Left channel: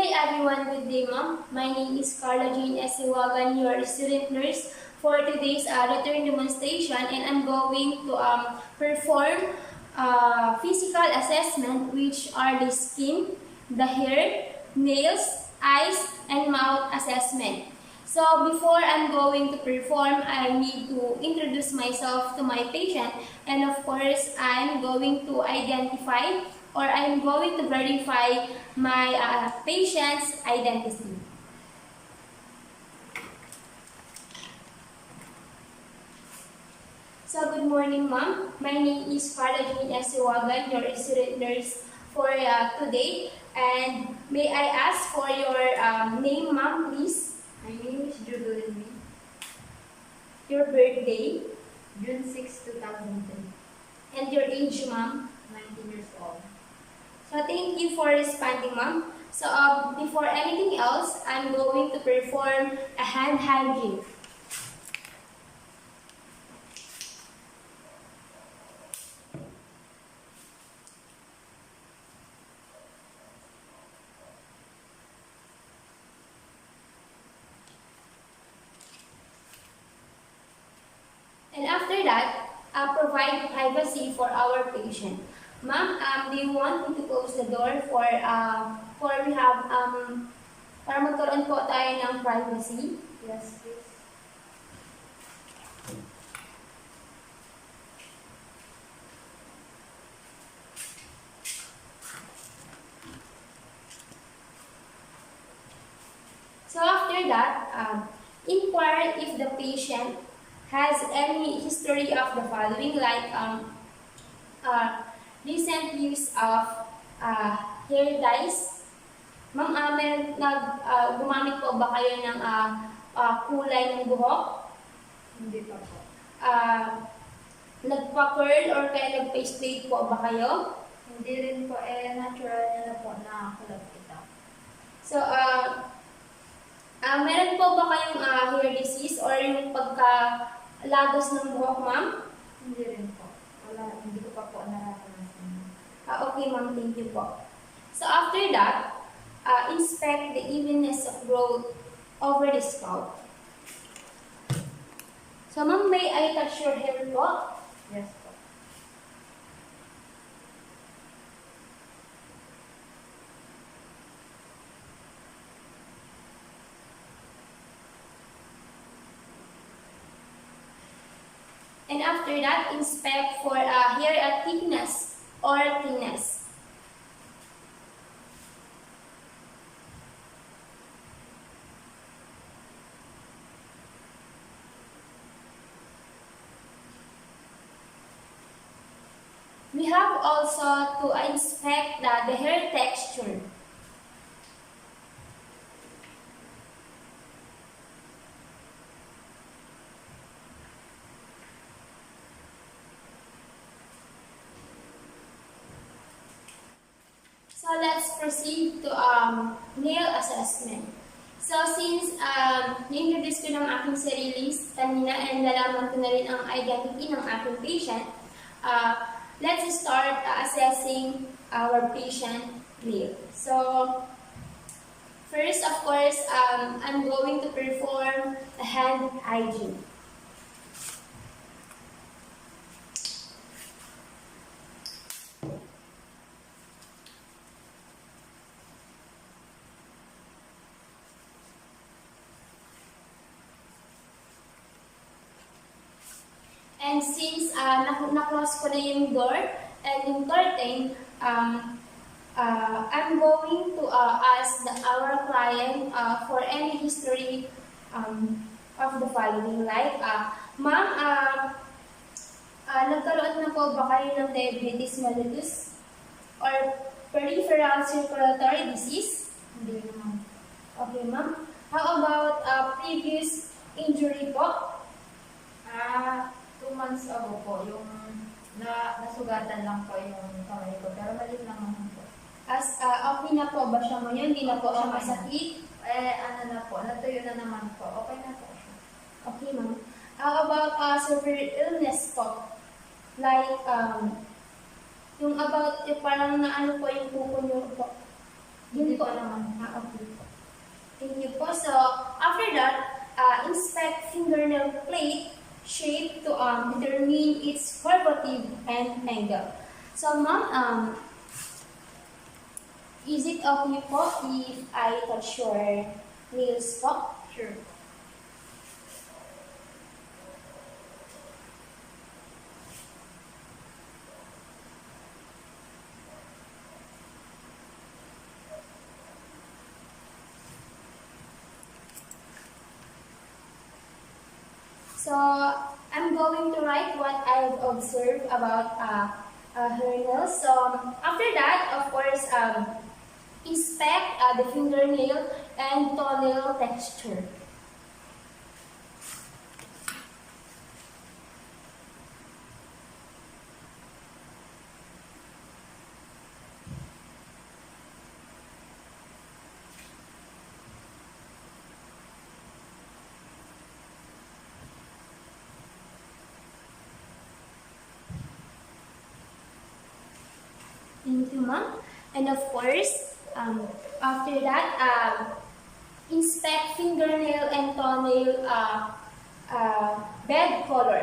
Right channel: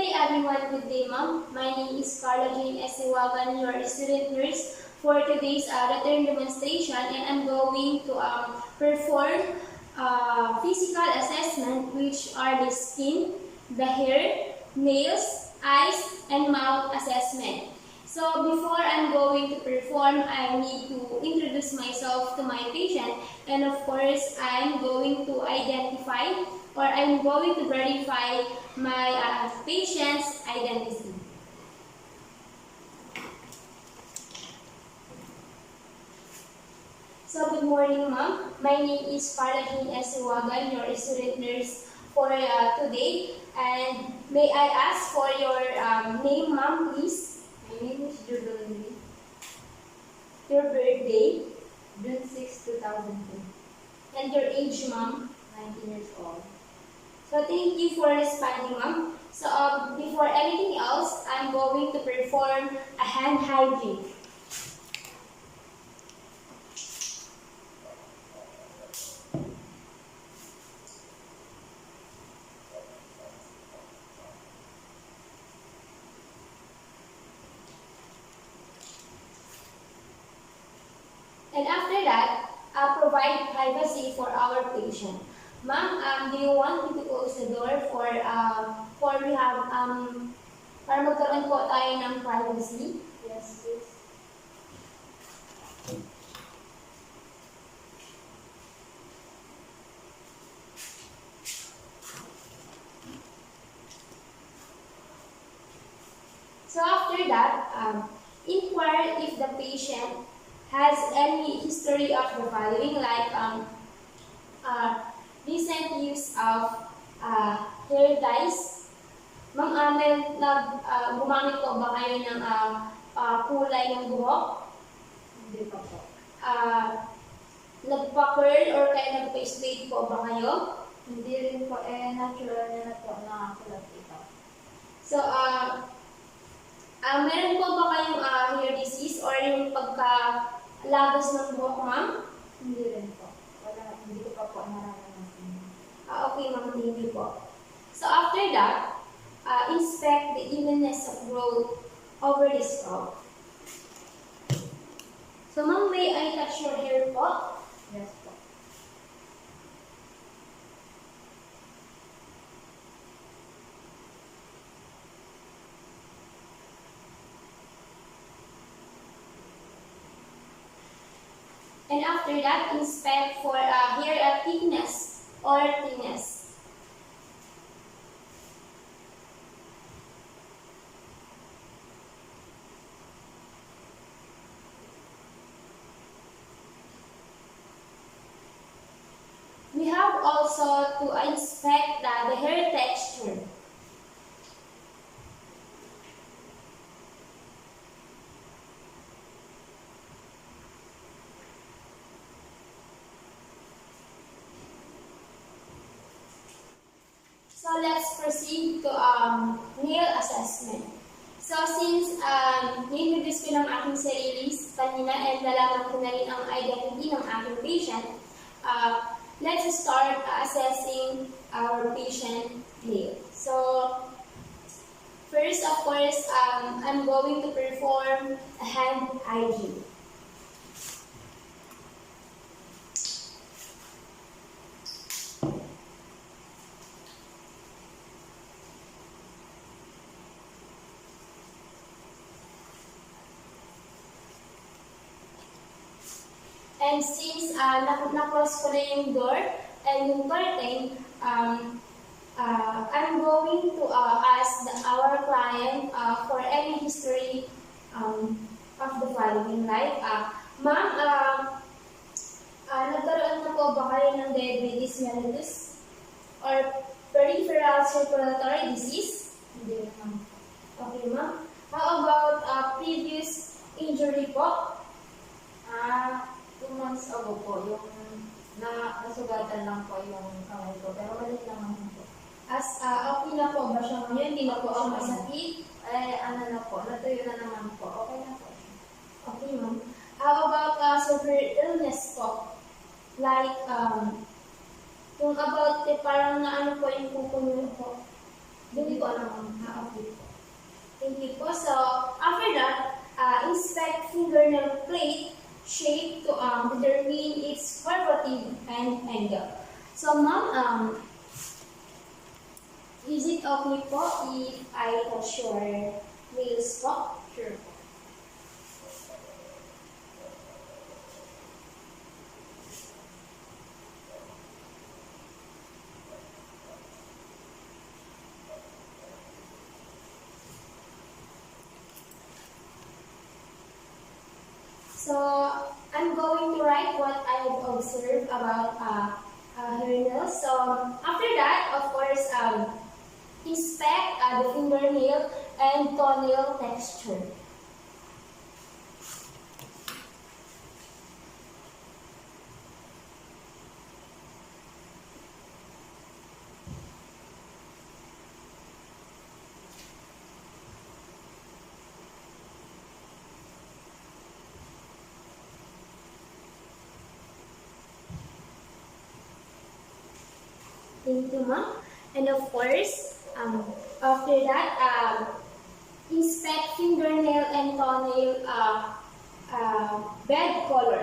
day everyone, good day ma'am. My name is Karla Siuagan, your student nurse for today's return demonstration, and I'm going to perform physical assessment, which are the skin, the hair, nails, eyes, and mouth assessment. So before I'm going to perform, I need to introduce myself to my patient, and of course I'm going to identify or I'm going to verify my patient's identity. So good morning ma'am. My name is Karla Siuagan, your student nurse for today. And may I ask for your name ma'am, please? My name is Jubilee. Your birthday? June 6, 2010. And your age ma'am? 19 years old. So thank you for responding ma'am. So before anything else, I'm going to perform a hand hygiene. And after that, provide privacy for our patient. Ma'am, do you want me to close the door for we have para magkaroon po tayo ng privacy? Yes, please. So after that, inquire if the patient has any history of the following, like recent use of hair dyes. Ma'am, gumamit po ba kayo ng kulay ng buhok? Hindi pa po. Nagpa-curl or kaya nag-face plate po ba kayo? Hindi rin po. Natural niya na po na kulap ito. So, meron po ba kayong hair disease or yung pagkalagos ng buhok, ma'am? Hindi rin po. Wala, hindi ko pa po naranasan. Okay, ma'am. Thank you po. So, after that, inspect the evenness of growth over the scalp. So, ma'am, may I touch your hair po? Yes po. And after that, inspect for hair thickness or thinness. We have also to inspect the hair texture. So let's proceed to nail assessment. So since na-introduce ko ng aking sarili kanina and nalaman ko na rin ang identity ng aking patient, let's start assessing our patient nail. So first, of course, I'm going to perform a hand hygiene. And since na-close ko na yung door and yung curtain, I'm going to ask our client for any history of the following. Like, ma'am, nagkaroon na po ba kayo ng diabetes mellitus or peripheral circulatory disease? Hindi naman. Okay, ma'am. How about previous injury po? 2 months ago po, yung nasugatan lang po yung kamay ko, pero maliit lang naman po. Okay na po ba siya ngayon? Hindi na po siya masakit? Natuyo na naman po. Okay na po siya. Okay, ma'am. How about severe illness po? Like, yung about, parang naano po yung kuko niyo po? Hindi Dun po. ko naman ma-update. Thank you po. So, after that, inspect fingernail plate shape to determine its curvative and angle. So, ma'am, is it okay po if I touch your nails po? Sure. So, I'm going to write what I've observed about her nails. So, after that, of course, inspect the fingernail and toenail texture. Thank you, ma'am. And of course, after that, inspect fingernail and toenail bed color.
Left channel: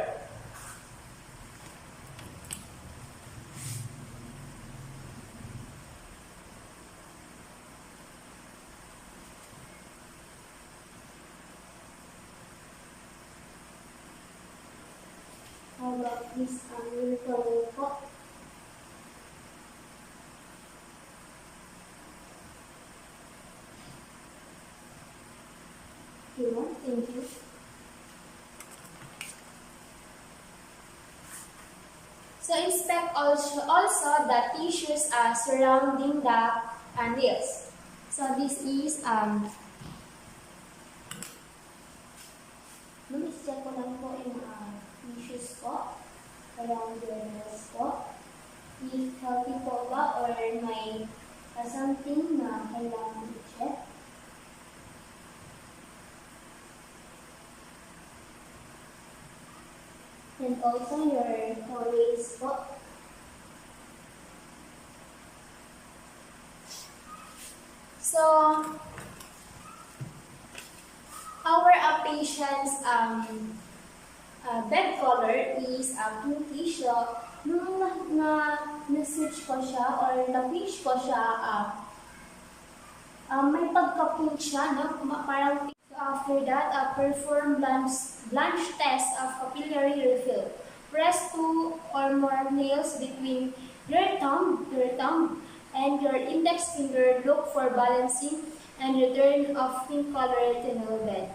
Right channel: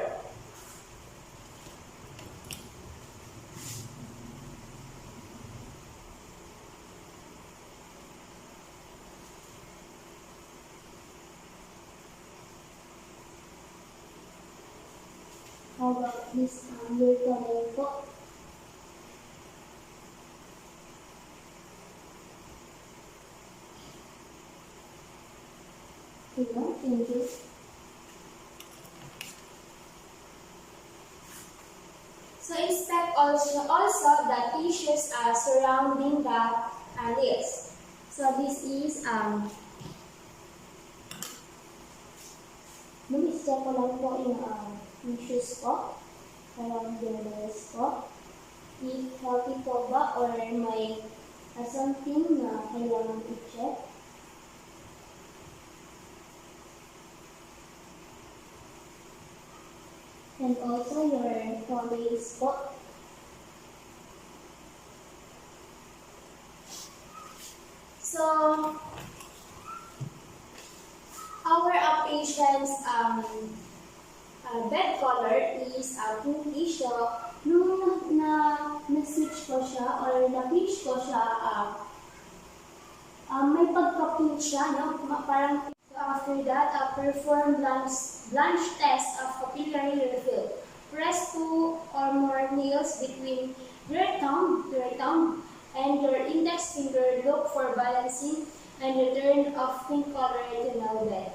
How about this your toenail po? Thank you. So inspect also the tissues surrounding the nails. So this is check ko lang po yung tissues po around the nails po. If healthy po ba or may something na kailangan i-check. And also your toenails po. So, our patient's bed color is pinkish. So, nung na-switch ko siya or na-pitch ko siya, may pagka-pink siya, no? Parang after that, perform blanch test of capillary refill. Press 2 or more nails between your thumb and your index finger. Look for balancing and return of pink color to nail bed.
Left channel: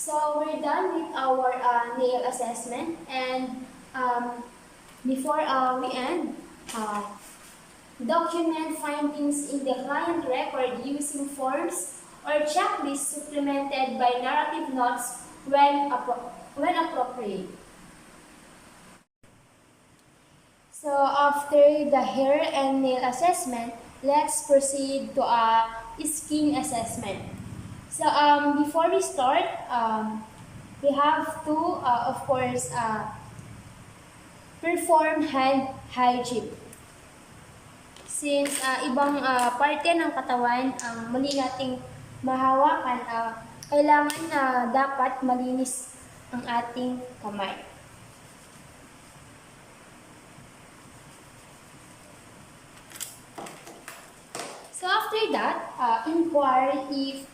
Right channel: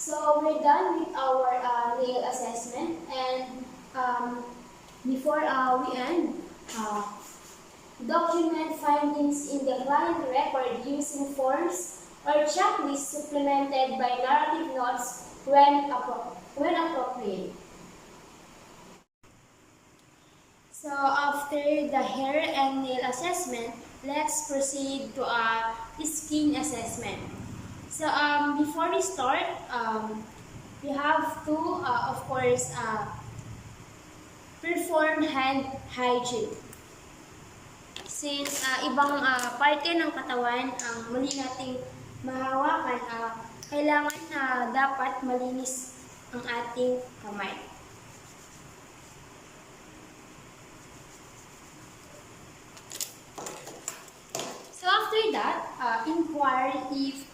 So we're done with our nail assessment, and before we end, document findings in the client record using forms or checklists supplemented by narrative notes when appropriate. So after the hair and nail assessment, let's proceed to a skin assessment. So before we start, we have to, of course, perform hand hygiene. Since ibang parte ng katawan ang mali nating mahawakan, kailangan dapat malinis ang ating kamay. So after that, inquire if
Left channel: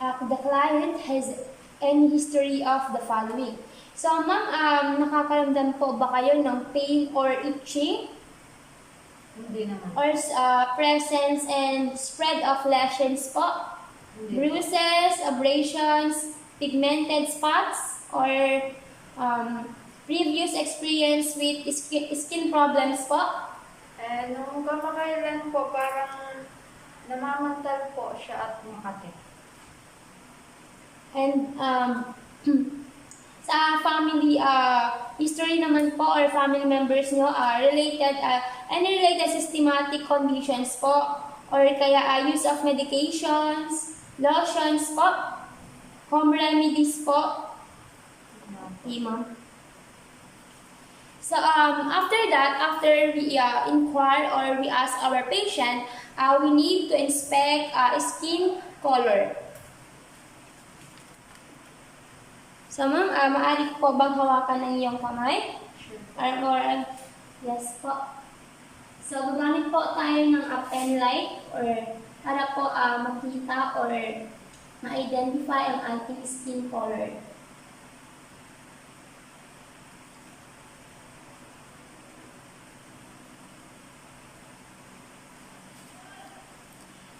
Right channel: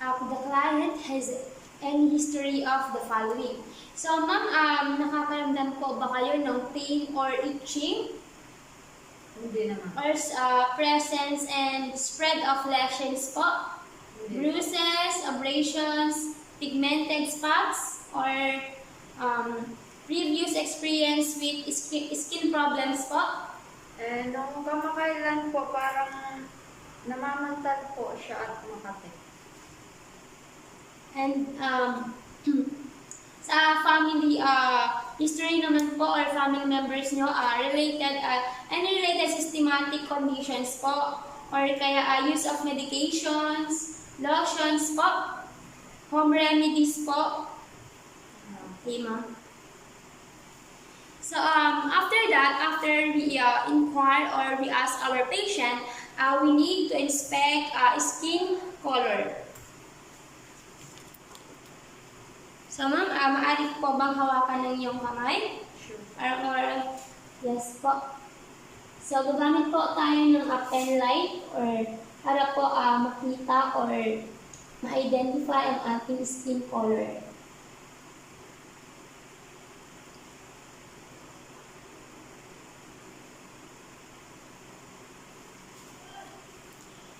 the client has any history of the following. So ma'am, nakakaramdam po ba kayo ng pain or itching? Hindi naman. Or presence and spread of lesions po? Hindi. Bruises, abrasions, pigmented spots, or previous experience with skin problems po? Nung kamakailan po, parang namamantal po siya at makati. And sa family history naman po or family members nyo related systematic conditions po or kaya use of medications, lotions po, home remedies po. Okay, ma'am. So, after that, after we inquire or we ask our patient, we need to inspect skin color. So, ma'am, maaari po bang hawakan ng iyong kamay? Sure. Yes po. So, gagamit po tayo ng pen light or para po makita or ma-identify ang ating skin color.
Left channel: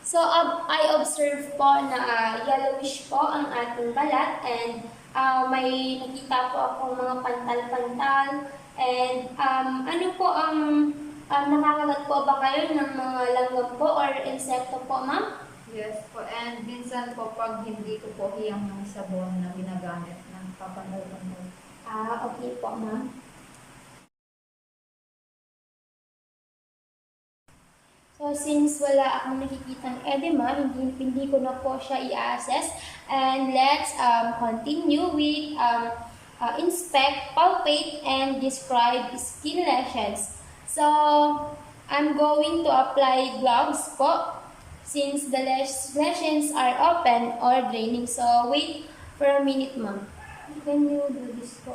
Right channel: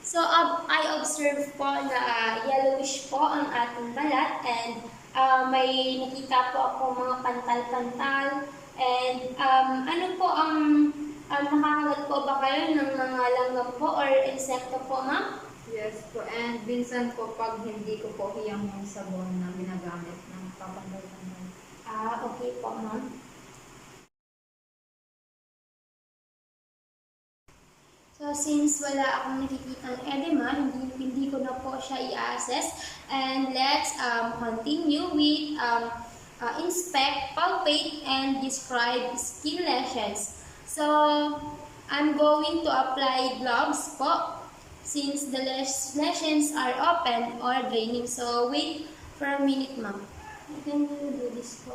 So, I observe po na yellowish po ang ating balat and may nakita po ako mga pantal-pantal and ano po ang nakakagat po ba kayo ng mga langgam po or insekto po, ma'am? Yes po, and minsan po pag hindi ko po hiyang yung sabon na ginagamit ng papanday-panday. Okay po, ma'am. So, since wala akong nakikitang edema, hindi ko na po siya i-assess. And let's continue with inspect, palpate, and describe skin lesions. So, I'm going to apply gloves po since the lesions are open or draining. So, wait for a minute, ma'am. Can you do this po?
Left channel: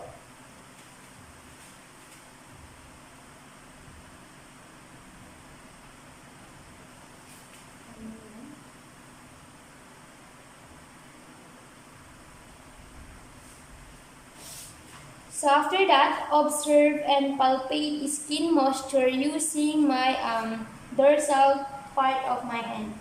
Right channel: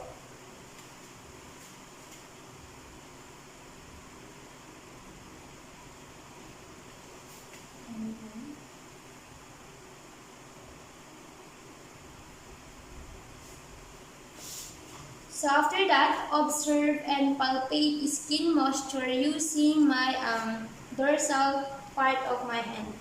So after that, observe and palpate skin moisture using my dorsal part of my hand.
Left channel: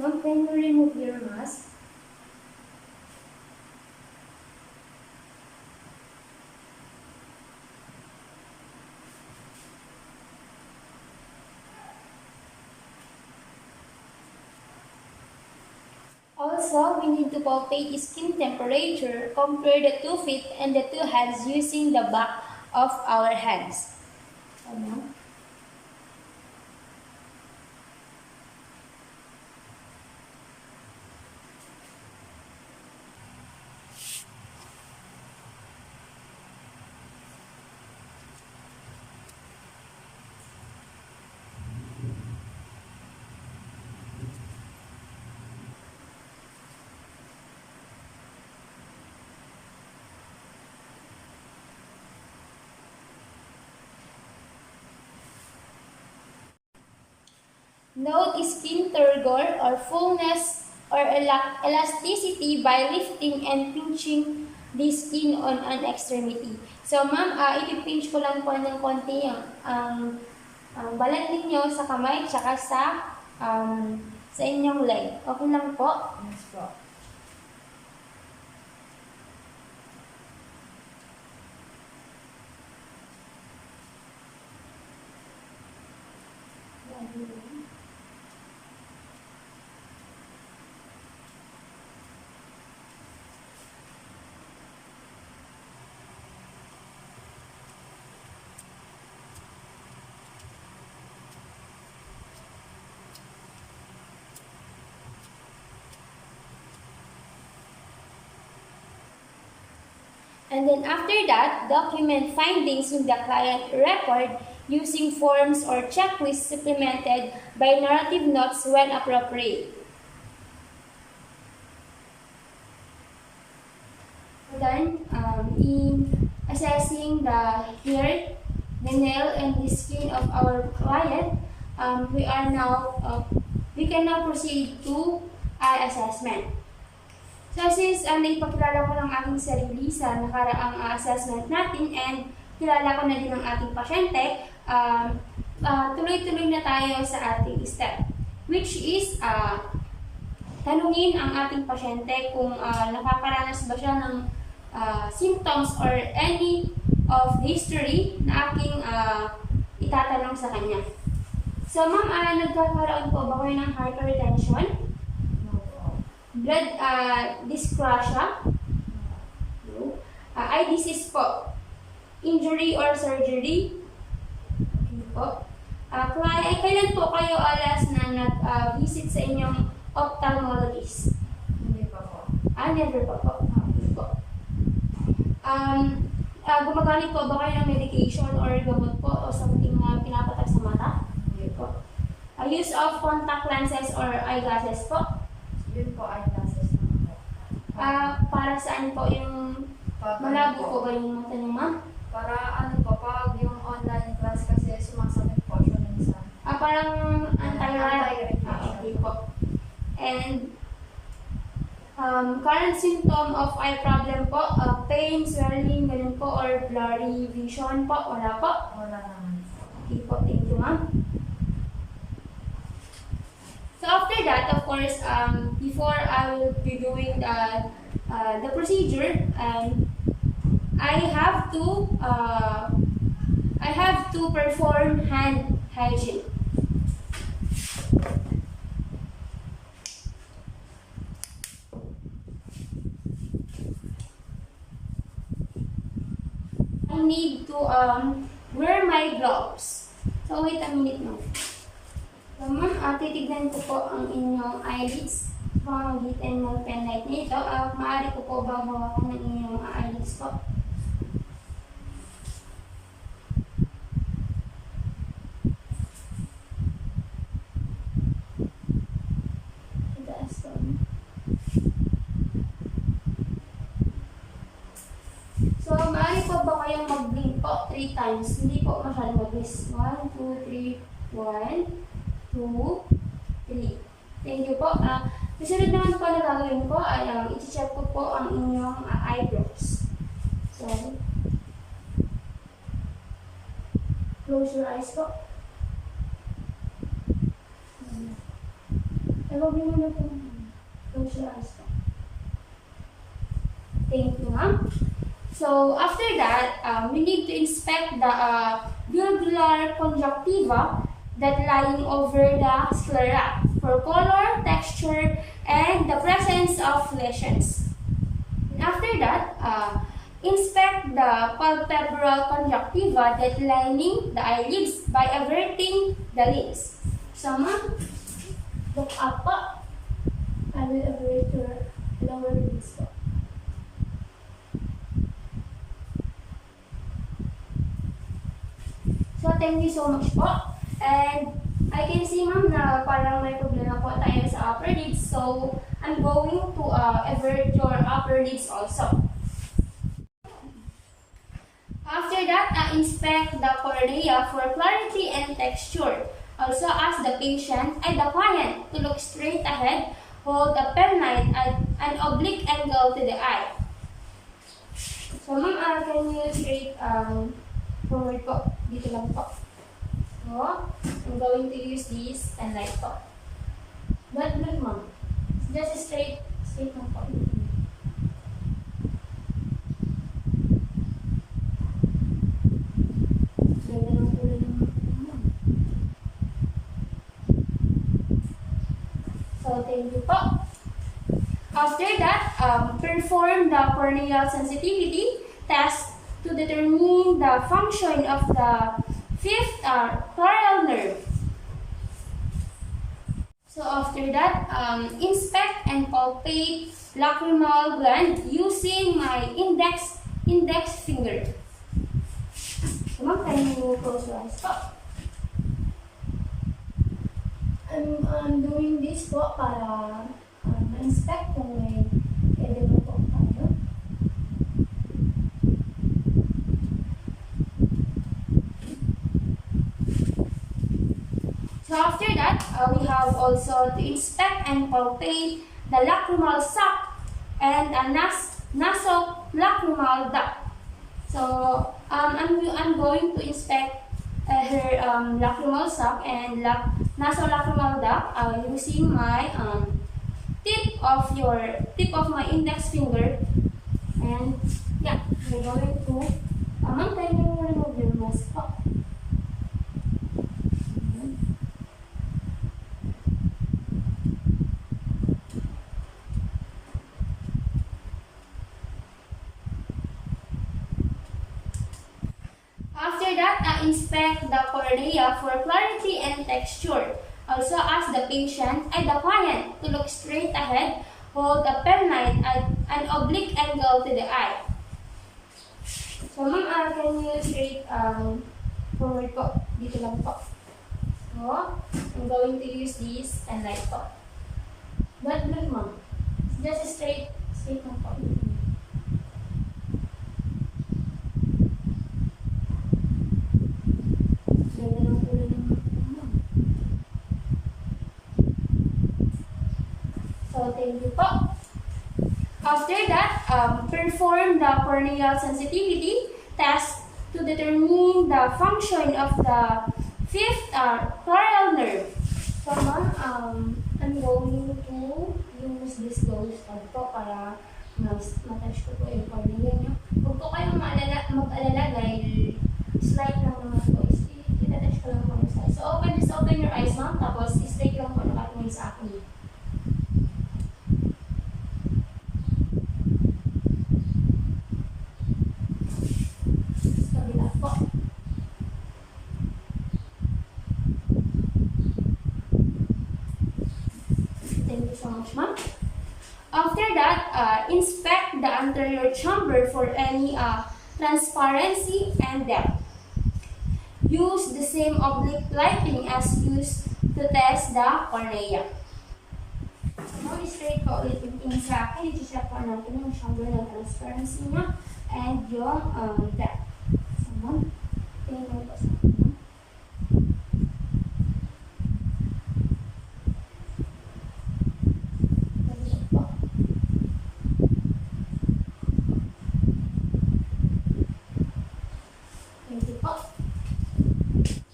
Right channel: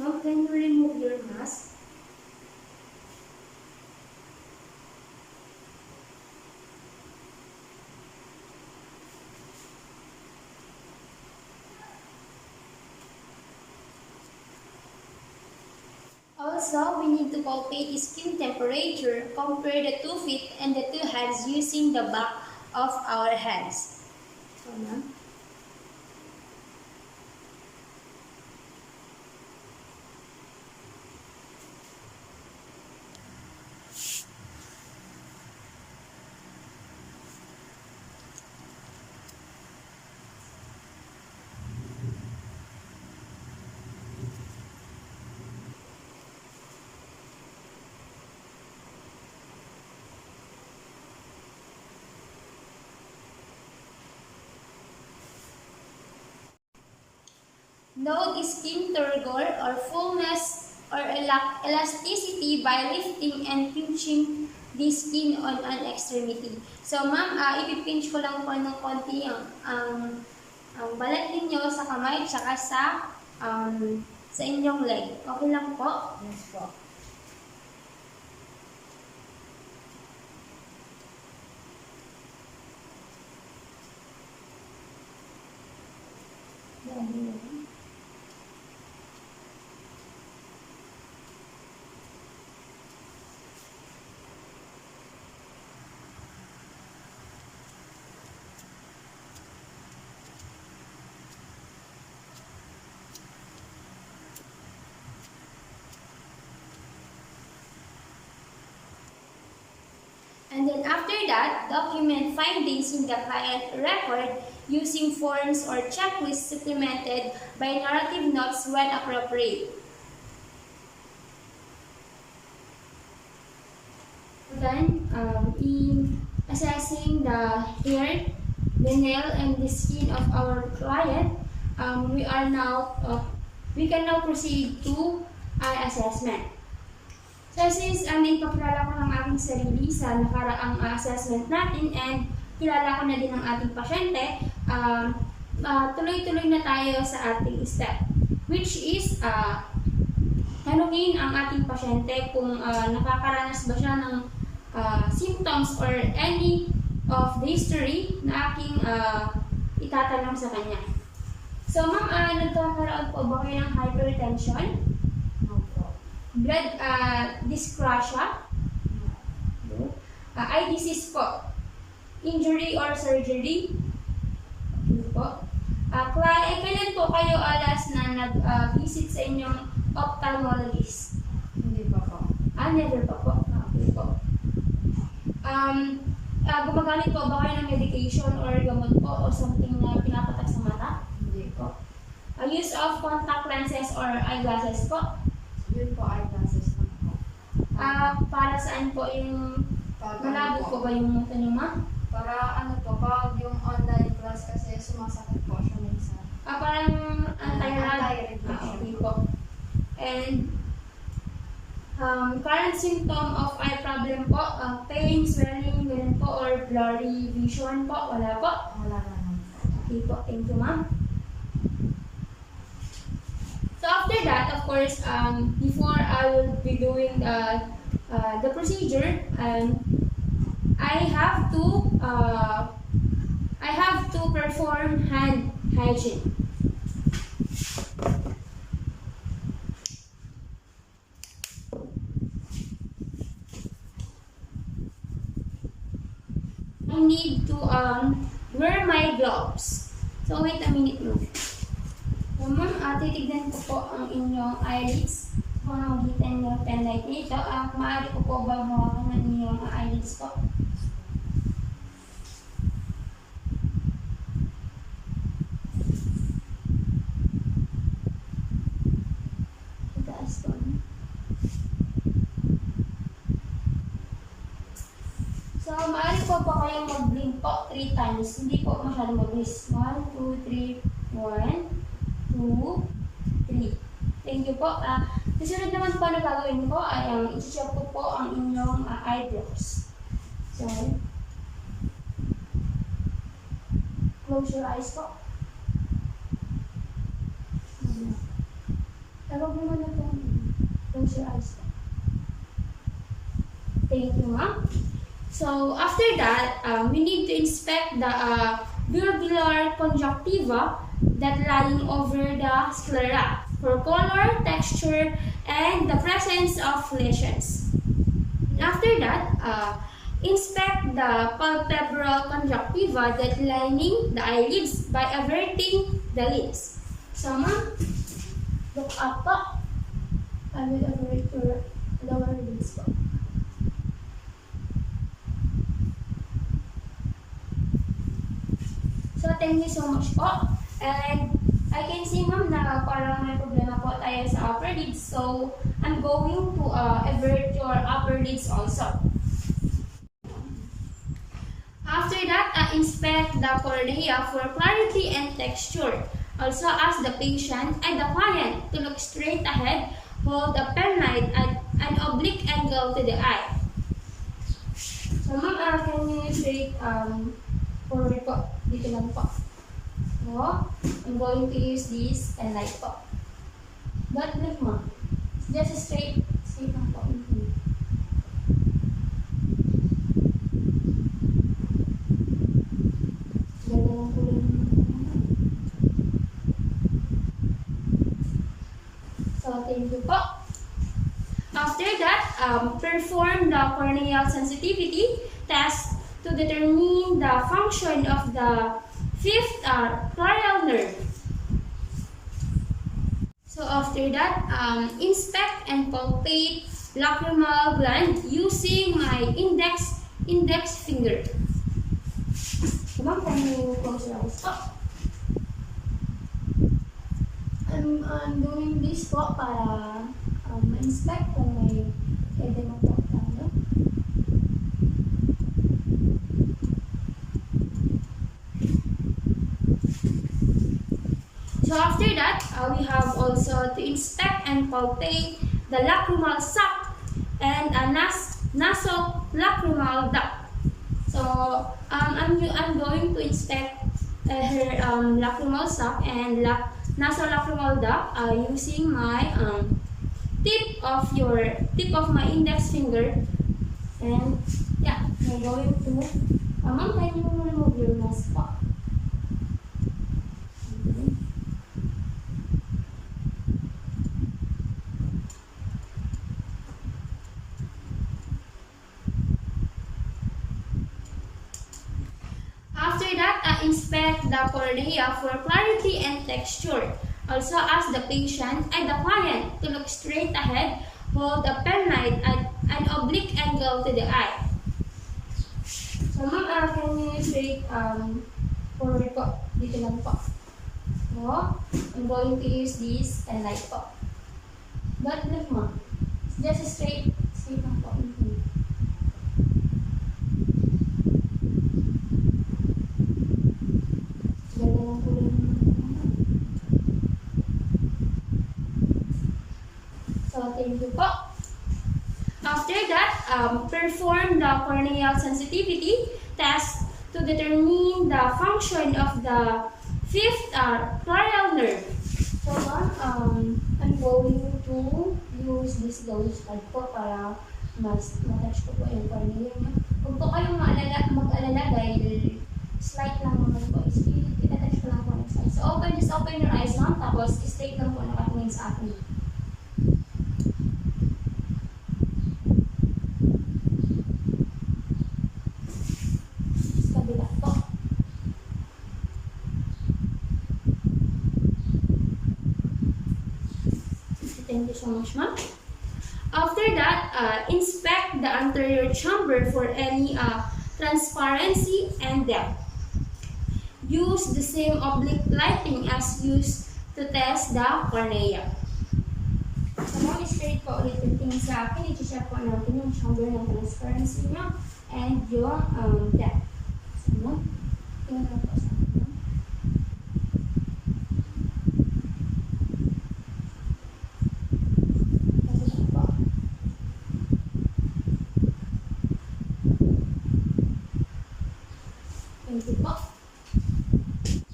Ma'am, can you remove your mask? Also, we need to palpate skin temperature, compare the 2 feet and the 2 hands using the back of our hands. Ma'am. Note skin turgor or fullness or elasticity by lifting and pinching the skin on an extremity. So, ma'am, ipipinch ko lang po ng konti ang balat ninyo sa kamay tsaka sa inyong leg. Okay lang po? Yes po. And then after that, document findings in the client record using forms or checklists supplemented by narrative notes when appropriate. Then, in assessing the hair, the nail, and the skin of our client, we can now proceed to eye assessment. So since naipakilala ko ng aking sarili sa nakaraang assessment natin and kilala ko na din ang ating pasyente, tuloy-tuloy na tayo sa ating step, which is tanungin ang ating pasyente kung nakakaranas ba siya ng symptoms or any of the history na aking itatanong sa kanya. So ma'am, nagkakaroon po ba kayo ng hypertension? No po. Blood dyscrasia? No. No. eye disease po, injury or surgery. Okay po. Kailan po kayo last na nag-visit sa inyong ophthalmologist? Hindi pa po. Never pa po. Okay po. Gumagamit po ba kayo ng medication or gamot po o something na pinapatak sa mata? Hindi po. Use of contact lenses or eyeglasses po? Yun po, eyeglasses naman po. Para saan po yung malabo po ba yung mata niyo, ma'am? Para ano po, pag yung online class kasi sumasakit po siya minsan. Parang anti-reflection. Anti-reflection. Okay po. And current symptom of eye problem po, pain, swelling, ganun po, or blurry vision po, wala po? Wala naman po. Okay po, thank you, ma'am. So after that, of course, before I will be doing the procedure, I have to perform hand hygiene. I need to wear my gloves. So wait a minute, ma'am. So, ma'am, titignan ko po ang inyong eyelids. Pamamagitan ng penlight niyo ito. Maaari ko po ba hawakan ng inyong eyelids po? Itaas po. So, maaari po ba kayong mag-blink po 3 times? Hindi po masyadong mabilis. 1, 2, 3, 1, 2, 3. Thank you po. Susunod naman po na gagawin ko ay i-check ko po ang inyong eyebrows. So, close your eyes po. Huwag mo na po. Close your eyes po. Thank you, ma'am. So, after that, we need to inspect the bulbar conjunctiva that lying over the sclera for color, texture, and the presence of lesions. After that, inspect the palpebral conjunctiva that lining the eyelids by averting the lids. So, ma'am, look up po. I will avert your lower lids po. So, thank you so much po. And I can see, ma'am, na parang may problema po tayo sa upper lids. So, I'm going to avert your upper lids also. After that, inspect the cornea for clarity and texture. Also, ask the patient and the client to look straight ahead, hold the pen light at an oblique angle to the eye. So, ma'am, can you straight forward po? Dito lang po. So, I'm going to use this pen light po. Don't blink, ma'am. Just straight lang po. Ganda lang po rin yung ma'am. So, thank you po. After that, perform the corneal sensitivity test to determine the function of the fifth ciliary nerve. So after that, inspect and palpate lacrimal gland using my index finger. So ma'am, can you close your eyes po? I'm doing this po para ma-inspect kung may edema po tayo. So after that, we have also to inspect and palpate the lacrimal sac and a nasolacrimal duct. So I'm going to inspect her lacrimal sac and nasolacrimal duct using my tip of my index finger. And yeah, we're going to ma'am, can you remove your mask po? after that, inspect the cornea for clarity and texture. Also ask the client to look straight ahead, hold a pen light at an oblique angle to the eye. So ma'am, can you straight forward po? Dito lang po. So, I'm going to use this pen light po. Don't blink ma'am. Just straight lang po. Ganda ng kulay ng ma'am. So, thank you po. After that, perform the corneal sensitivity test to determine the function of the fifth ciliary nerve. So, ma'am, I'm going to use this gauge pad po para matouch ko po yung cornea niyo. Huwag po kayong mag-alala dahil slight lang naman po. Itatouch ko lang po yung side. So, just open your eyes, ma'am. Tapos, straight lang po nakatingin sa akin. Kabila po. Thank you so much, ma'am. After that, inspect the anterior chamber for any transparency and depth. Use the same oblique lighting as used to test the cornea. So, ma'am, straight po ulit yung tingin sa akin. I-check po natin yung chamber ng transparency niya and yung depth. So, ma'am, tingin lang po sa akin, ma'am.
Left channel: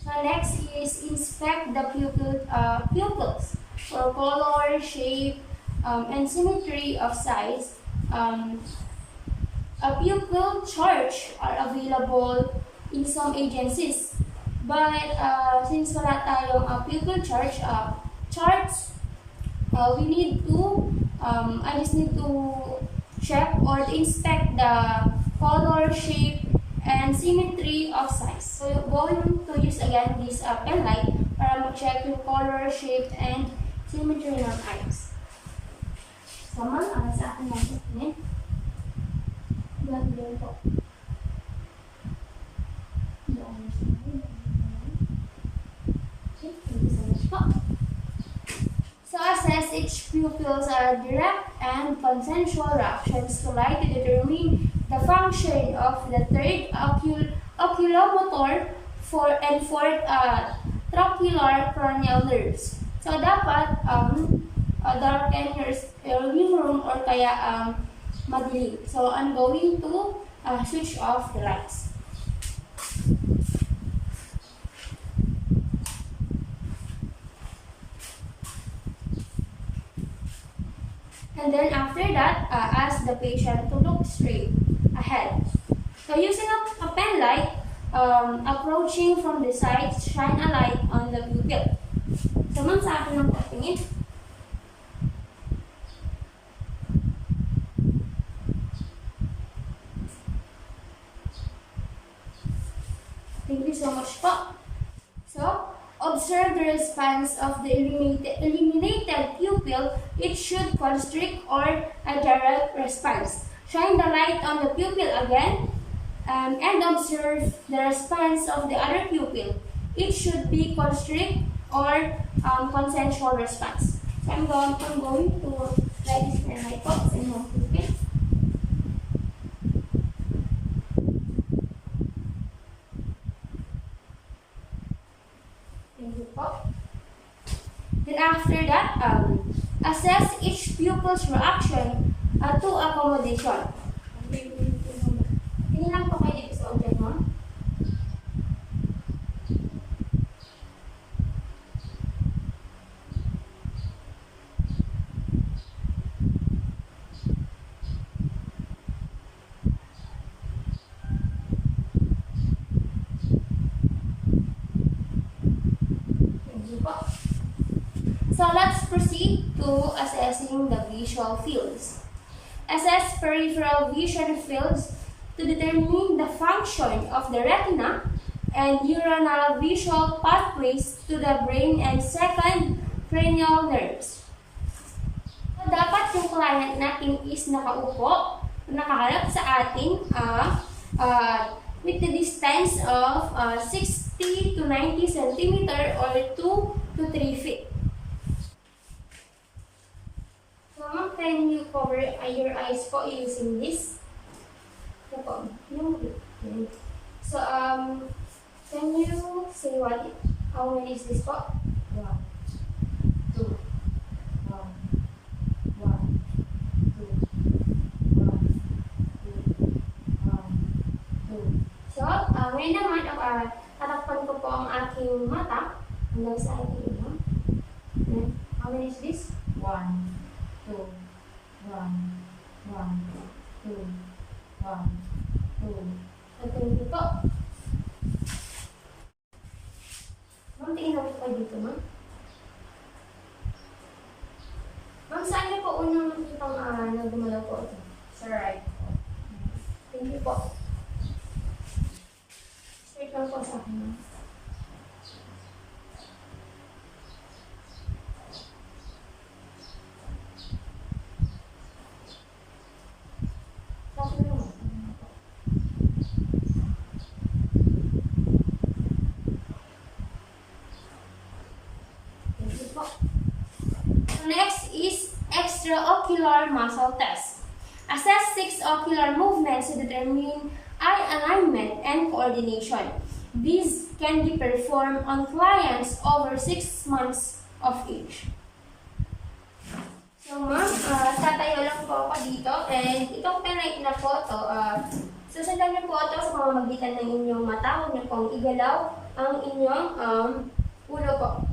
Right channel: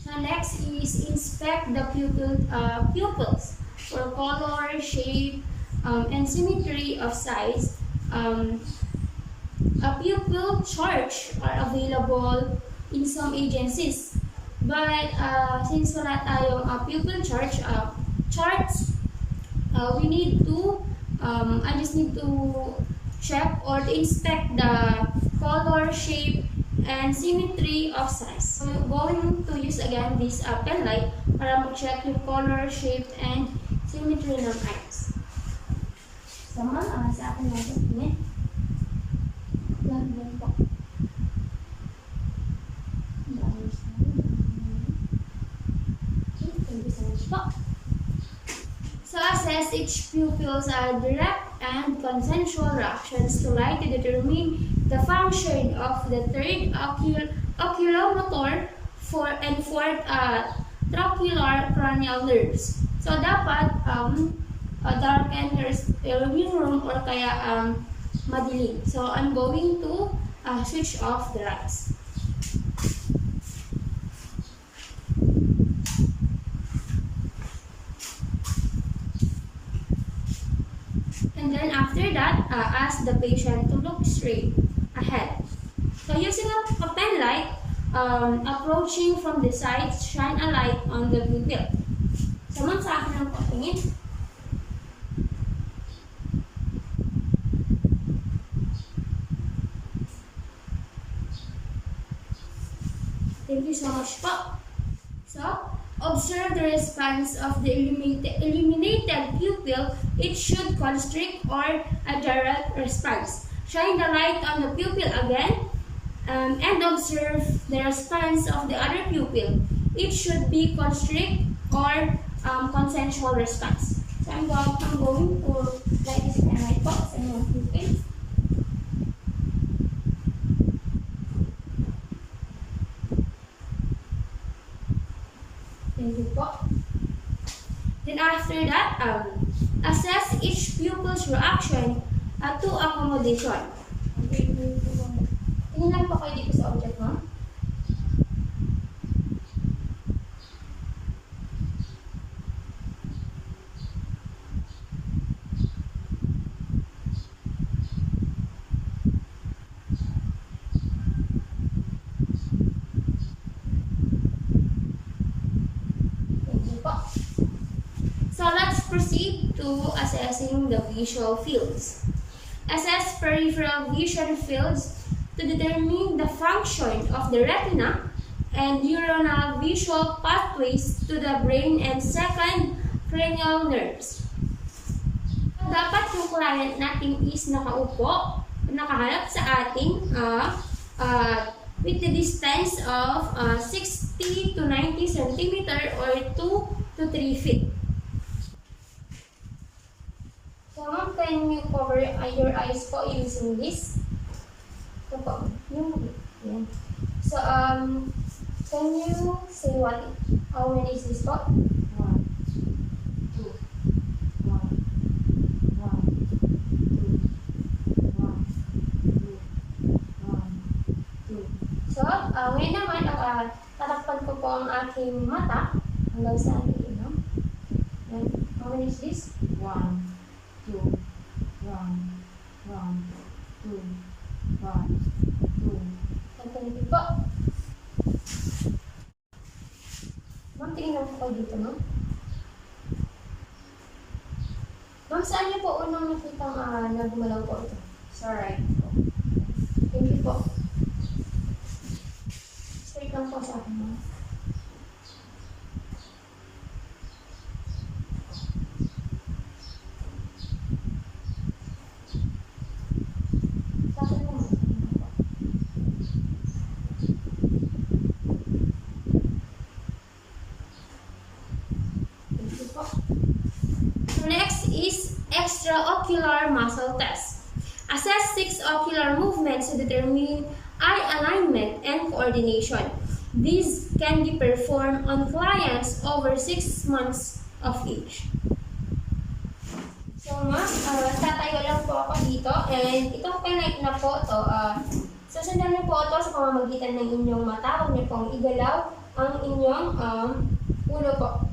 So next is inspect the pupils for color, shape, and symmetry of size. A pupil charts are available in some agencies, but since wala tayong pupil charts, we need to I just need to check or to inspect the color, shape, and symmetry of size. So, going to use again this pen light para mag-check yung color, shape, and symmetry ng eyes. So, ma'am, sa akin natin tingin. Yan po. Okay, thank you so much po. So, assess each pupil's direct and consensual reactions to light to determine the function of the third oculomotor and fourth trabecular cranial nerves. So, dapat darken your room or kaya madilim. So, I'm going to switch off the lights. And then after that, ask the patient to look straight ahead. So using a pen light, approaching from the side, shine a light on the pupil. So ma'am, sa akin lang po tingin. Thank you so much po. So, observe the response of the illuminated pupil. It should constrict or a direct response. Shine the light on the pupil again and observe the response of the other pupil. It should be constrict or consensual response. So I'm going to light this pen light po sa inyong pupil. Thank you po. Then after that, assess each pupil's reaction to accommodation. Tingin lang po kayo dito sa object mo. So let's proceed to assessing the visual fields. Assess peripheral vision fields to determine the function of the retina and neuronal visual pathways to the brain and second, cranial nerves. Dapat yung client natin is nakaupo, nakaharap sa ating with the distance of 60 to 90 centimeter or 2 to 3 feet. So, ma'am, can you cover your eyes po using this? Ito po, yan. So, can you say how many is this po? 1, 2, 1, 1, 2, 1, 2, 1, 2. So, ngayon naman, tatakpan ko po ang aking mata hanggang sa aking ilaw. Yan. How many is this? 1, 2, 1, 1, 2, 1, 2. Thank you po. Ma'am, tingnan po kayo dito, ma'am. Ma'am, saan niyo po unang nakitang na gumalaw po ito? Sa right po. Thank you po. Straight lang po sa akin, ma'am. Sa akin lang, ma'am. Thank you po. So next is extraocular muscle test. Assess 6 ocular movements to determine eye alignment and coordination. These can be performed on clients over 6 months of age. So ma'am, tatayo lang po ako dito and itong pinake na po ito, susundan niyo po ito sa pamamagitan ng inyong mata. Huwag niyo pong igalaw ang inyong ulo po.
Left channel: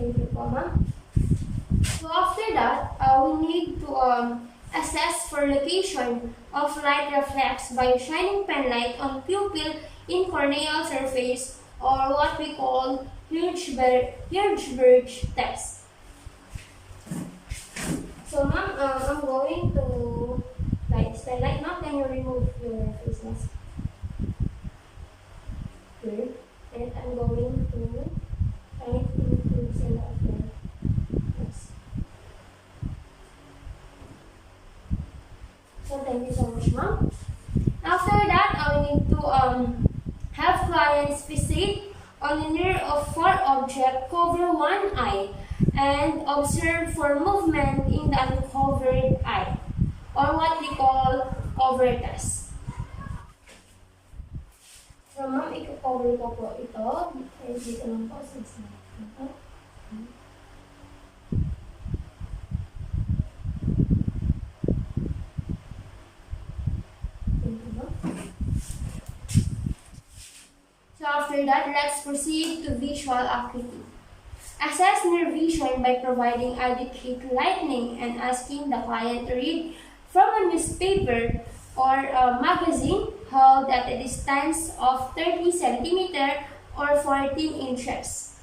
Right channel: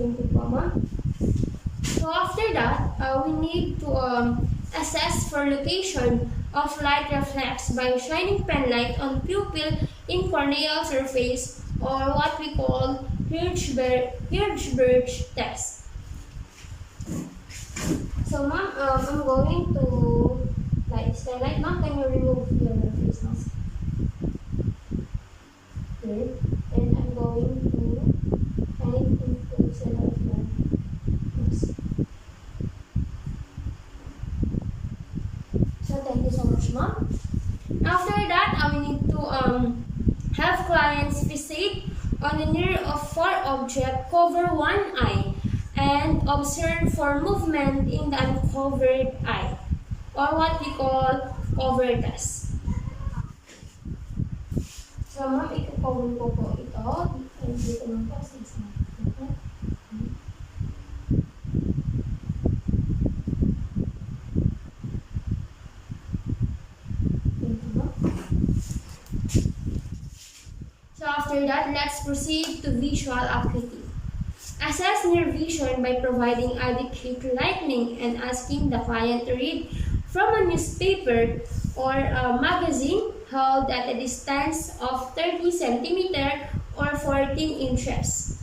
Thank you po, ma'am. So after that, we need to assess for location of light reflex by shining pen light on pupil in corneal surface, or what we call Hirschberg test. So ma'am, I'm going to light this pen light. Now can you remove your face mask? Here. And I'm going to shine it into the center of your face. So thank you so much, ma'am. After that, we need to have clients fixate on the near of 4 object, cover one eye, and observe for movement in the uncovered eye, or what we call cover test. So ma'am, i-cover ko po ito. And dito lang po sa isa. So after that, let's proceed to visual acuity. Assess near vision by providing adequate lighting and asking the client to read from a newspaper or a magazine held at a distance of 30 centimeter or 14 inches.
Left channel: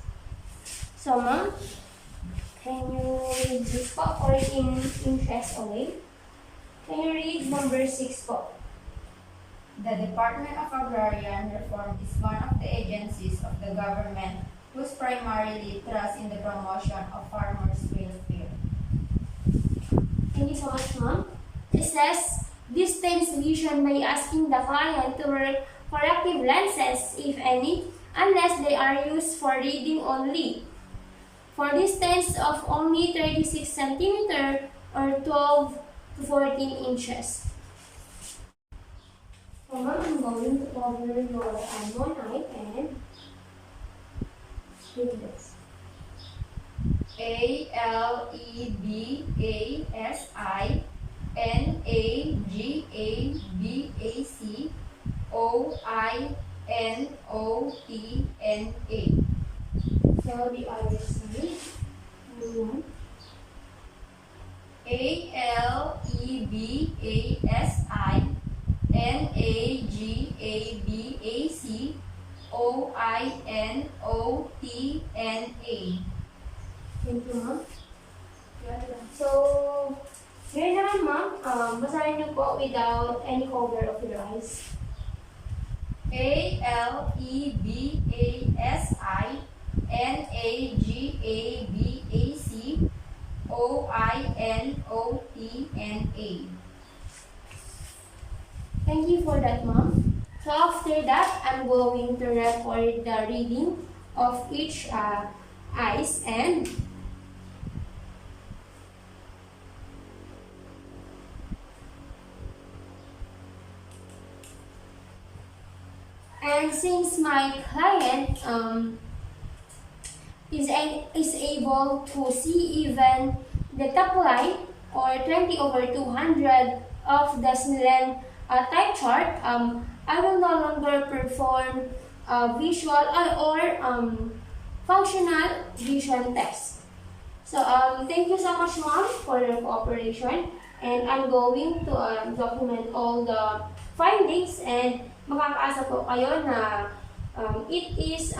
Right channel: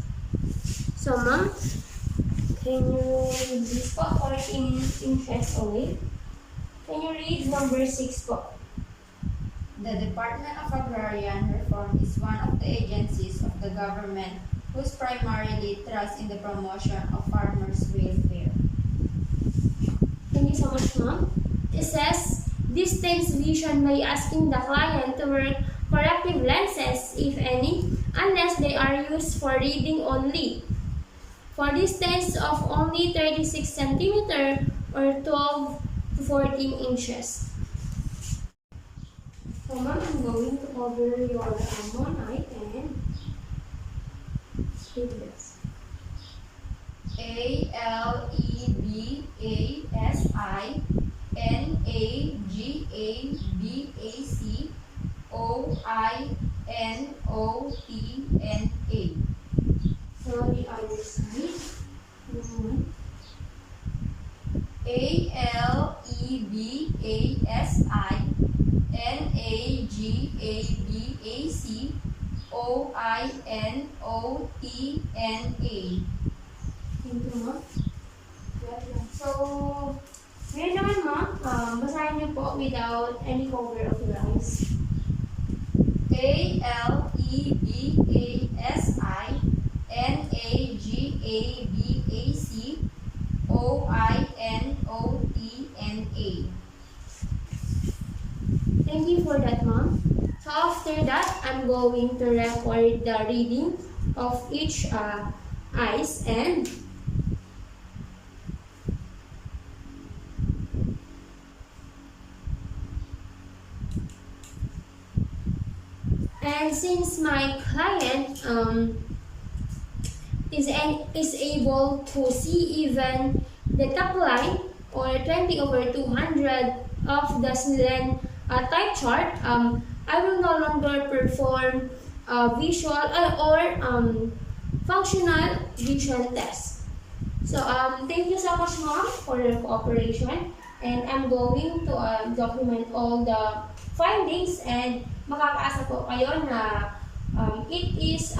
So ma'am, can you read this po? 14 inches away. Can you read number 6 po? The Department of Agrarian Reform is one of the agencies of the government whose primarily thrust in the promotion of farmers' welfare. Thank you so much, ma'am. Assess distance vision by asking the client to wear corrective lenses, if any, unless they are used for reading only, for distance of only 36 centimeter or 12 to 14 inches. So ma'am, I'm going to cover your one eye and read this. ALEBASINOTNA. So the other side. Oinotna. Thank you, ma'am. So, ngayon naman, ma'am, basahin niyo po without any cover of your eyes. ALEBASINAGABACOINOTNA. Thank you for that, ma'am. So after that, I'm going to record the reading of each eyes and since my client is able to see even the top line or 20/200 of the Snellen type chart, I will no longer perform visual or functional vision test. So thank you so much, ma'am, for your cooperation, and I'm going to document all the findings, and makakaasa po kayo na it is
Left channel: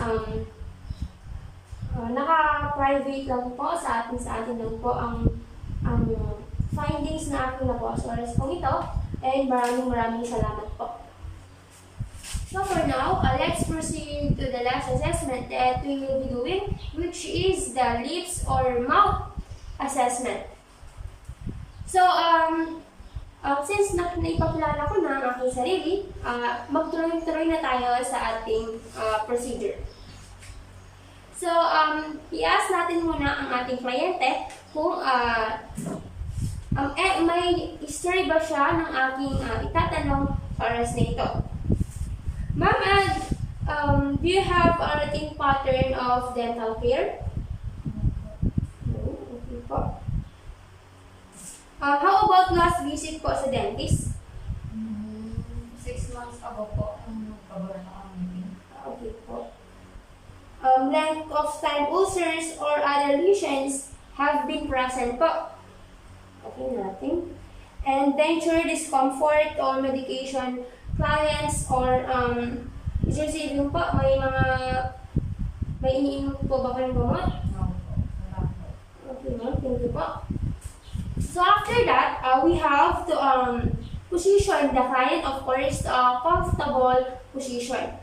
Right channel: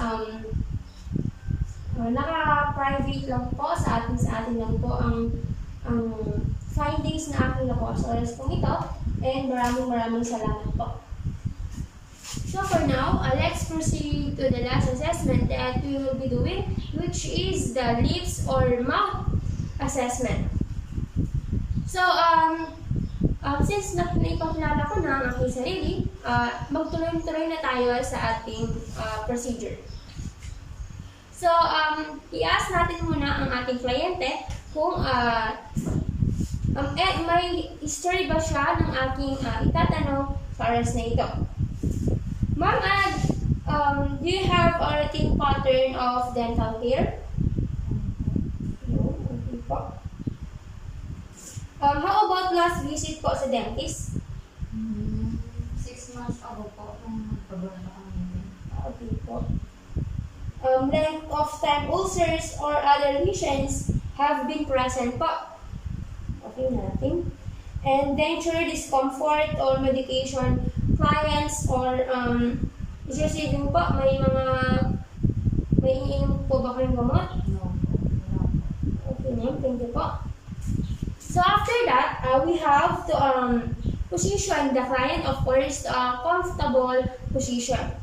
naka-private lang po sa atin lang po ang findings na aking nakuha sa oras pong ito, and maraming salamat po. So for now, let's proceed to the last assessment that we will be doing, which is the lips or mouth assessment. So since naipakilala ko na ang aking sarili, magtuloy-tuloy na tayo sa ating procedure. So, i-ask natin muna ang ating kliyente kung may history ba siya ng aking itatanong sa oras na ito. Ma'am, do you have a routine pattern of dental care? No, okay po. How about last visit po sa dentist? 6 months ago po, nagpabara na kami. Okay po. Length of time ulcers or other lesions have been present po. Okay, nothing. And denture discomfort or medication clients or is receiving po, may iniinom po ba kayong gamot? No, wala po. Okay, ma'am, thank you po. So after that, we have to position the client, of course, to a comfortable position.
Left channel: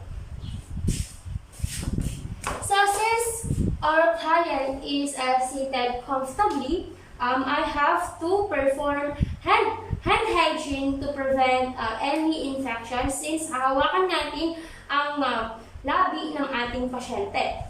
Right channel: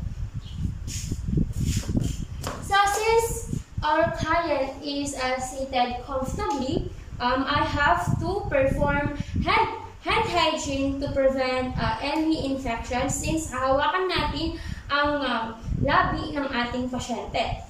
So since our client is seated comfortably, I have to perform hand hygiene to prevent any infection since hahawakan natin ang labi ng ating pasyente.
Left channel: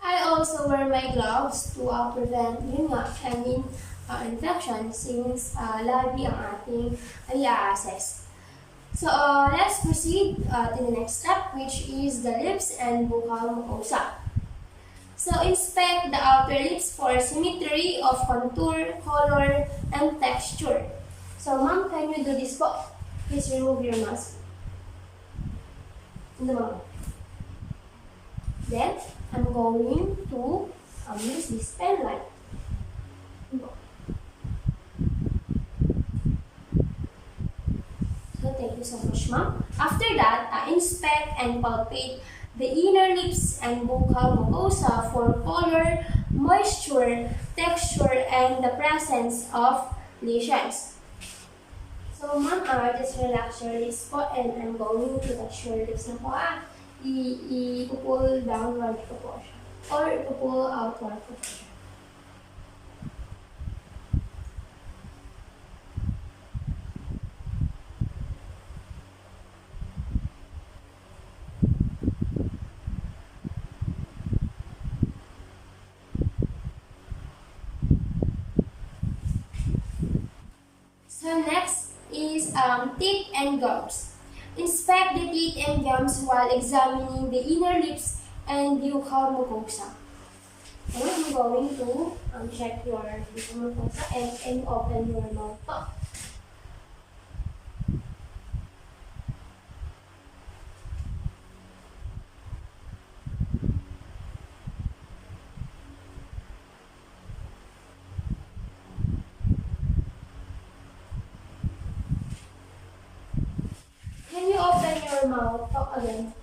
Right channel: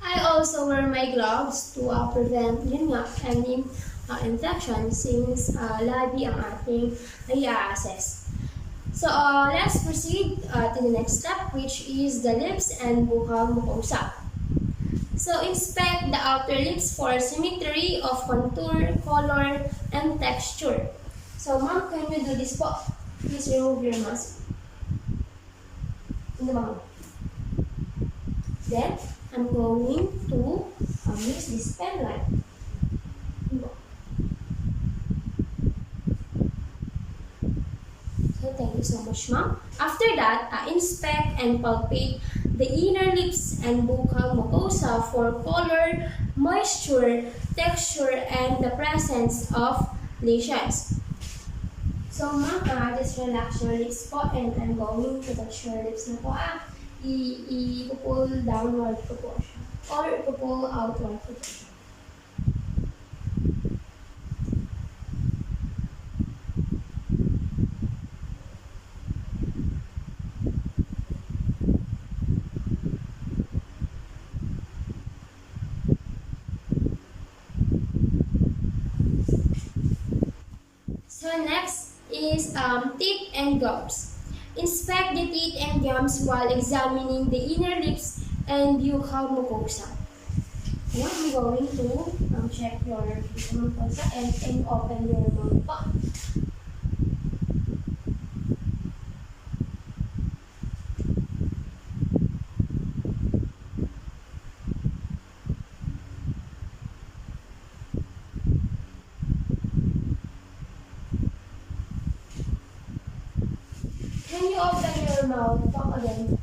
I also wear my gloves to prevent any infection since labi ang ating i-assess. So let's proceed to the next step, which is the lips and buccal mucosa. So inspect the outer lips for symmetry of contour, color, and texture. So ma'am, can you do this po? Please remove your mask. Then I'm going to use this pen light. So thank you so much, ma'am. After that, inspect and palpate the inner lips and buccal mucosa for color, moisture, texture, and the presence of lesions. So ma'am, just relax your lips po, and I'm going to touch your lips na po. I-pull downward ko po siya. Or i-pull outward ko po siya. So next is teeth and gums. Inspect the teeth and gums while examining the inner lips and buccal mucosa. Now I'm going to check your buccal mucosa and open your mouth po. mouth. Talk again.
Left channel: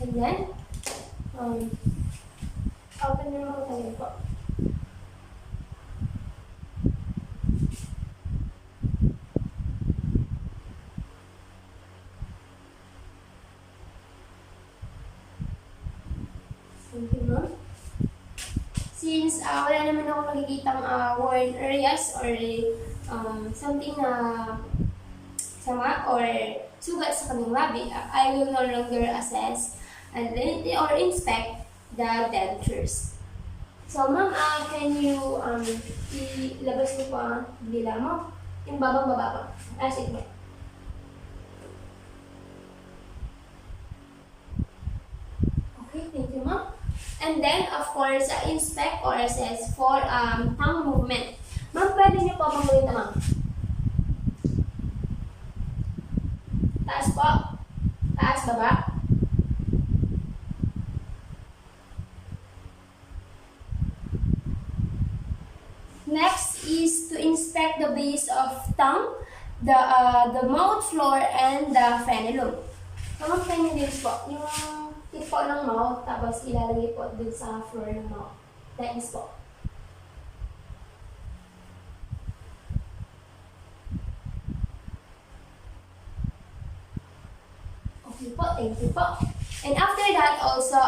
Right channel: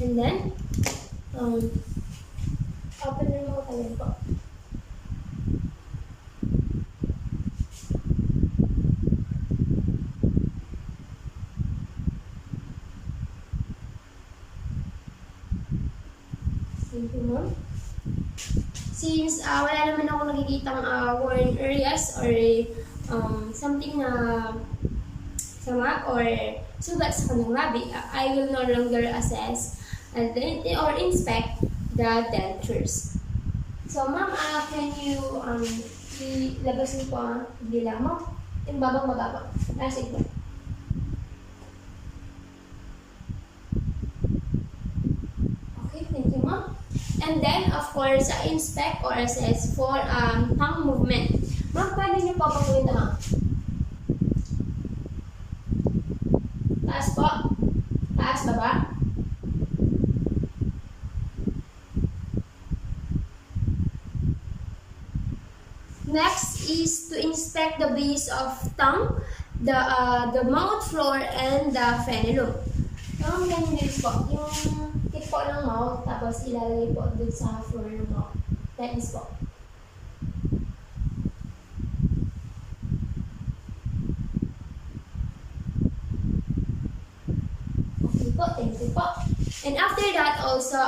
And then, open your mouth again po. Thank you, ma'am. Since wala naman ako nakikitang worn areas or something na sama or sugat sa kanyang labi, I will no longer assess and then or inspect the dentures. So, ma'am, can you ilabas mo po ang dila mo? Yung babang-baba. Sige ba? Okay, thank you, ma'am. And then, of course, inspect or assess for tongue movement. Ma'am, pwede niyo po pang gawin na, ma'am. Taas po. Taas, baba. Next is to inspect the base of tongue, the mouth floor, and the frenulum. Ma'am, can you use po yung tip po ng mouth, tapos ilalagay po dun sa floor ng mouth. That is po. Okay po, thank you po. And after that also,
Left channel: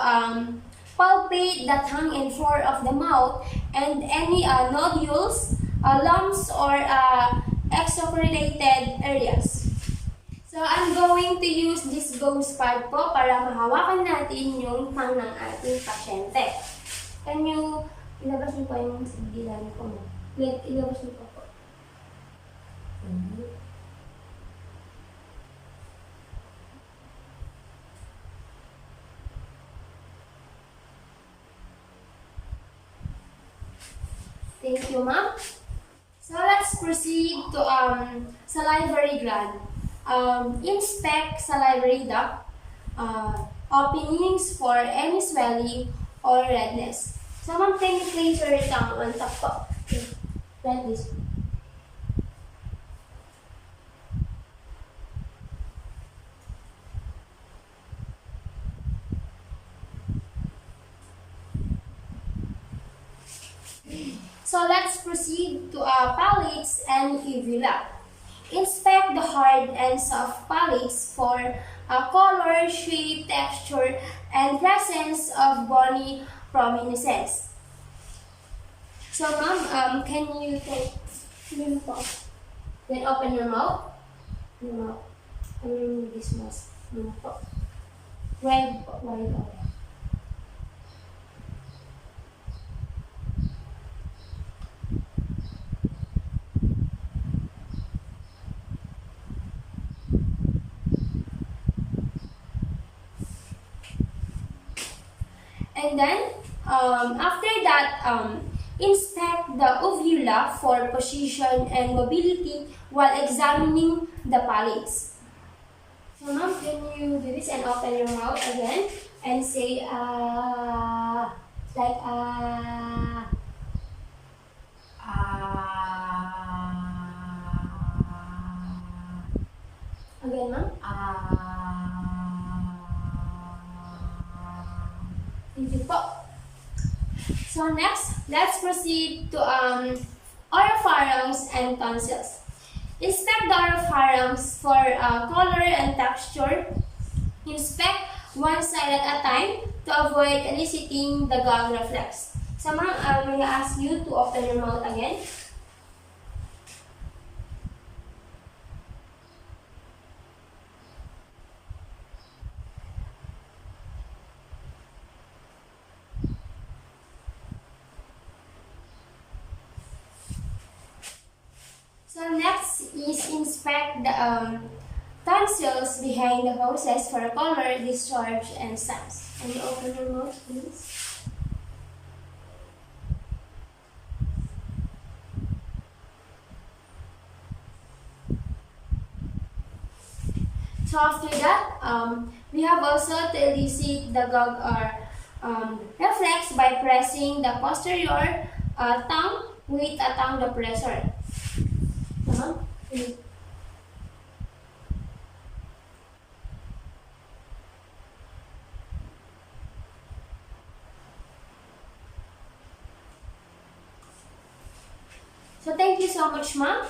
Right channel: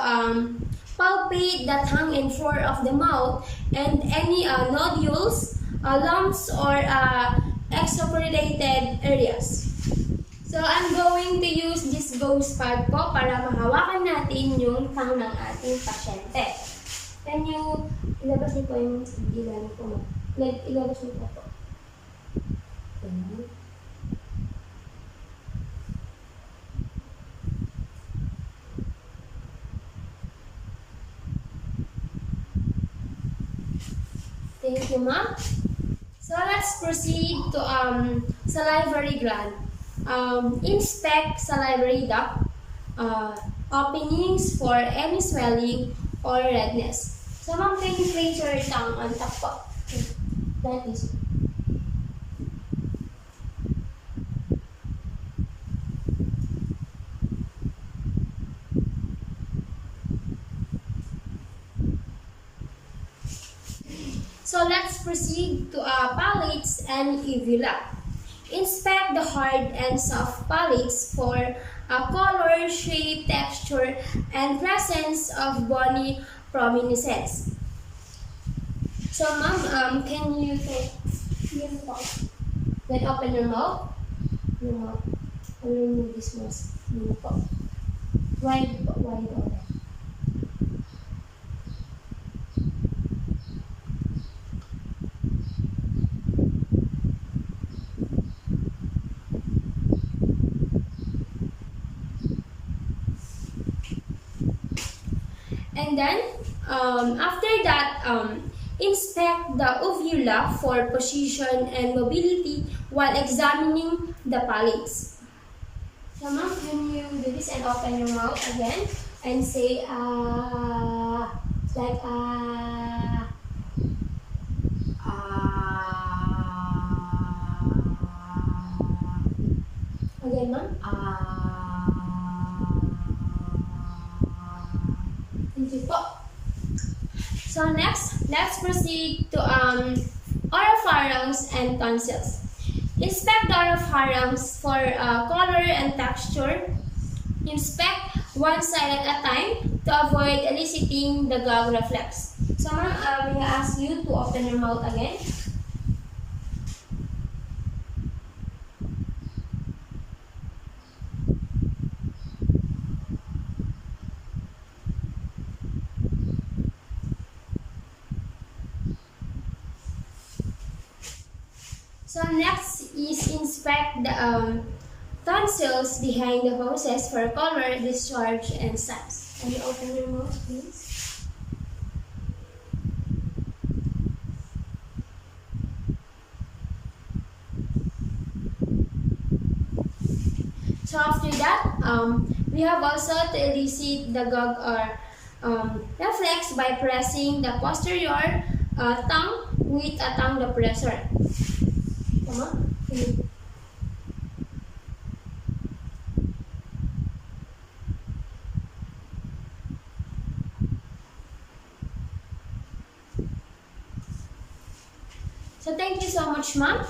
palpate the tongue and floor of the mouth and any nodules, lumps, or exfoliated areas. So, I'm going to use this gauze pad po para mahawakan natin yung tongue ng ating pasyente. Can you ilabas niyo po yung dila niyo po? Ilabas niyo po po. Thank you, ma'am. So let's proceed to salivary gland. Inspect salivary duct openings for any swelling or redness. So, ma'am, can you place your tongue on top po? Okay. Like this. So let's proceed to palates and uvula. Inspect the hard and soft palates for color, shape, texture, and presence of bony prominences. So, ma'am, can you take then open your mouth? Your mouth. And remove this mask. Wide open. And then, after that, inspect the uvula for position and mobility while examining the palates. So, ma'am, can you do this and open your mouth again and say, like, again, ma'am? Thank you po. So next, let's proceed to oropharynx and tonsils. Inspect the oropharynx for color and texture. Inspect one side at a time to avoid eliciting the gag reflex. So ma'am, I will ask you to open your mouth again. So next is inspect the tonsils behind the hoses for color, discharge, and signs. Can you open your mouth, please? So after that, we have also to elicit the gag or reflex by pressing the posterior tongue with a tongue depressor. Tama? So thank you so much, ma'am.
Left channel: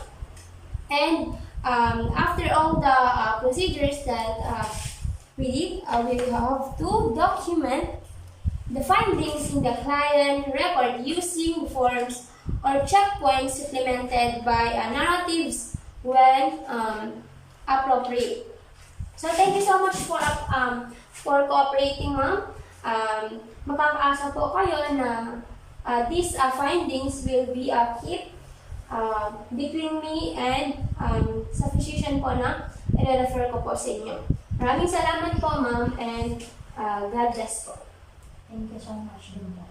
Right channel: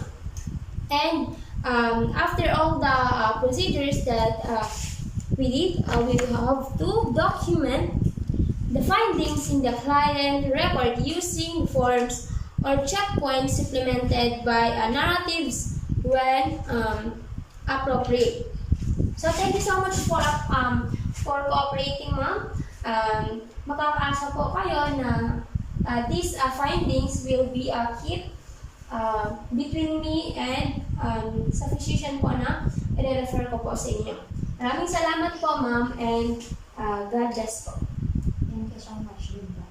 And after all the procedures that we did, we will have to document the findings in the client record using forms or checkpoints supplemented by narratives when appropriate. So thank you so much for cooperating, ma'am. Makakaasa po kayo na these findings will be kept between me and sa physician po na i-refer ko po sa inyo. Maraming salamat po, ma'am, and God bless po. Thank you so much, Linda.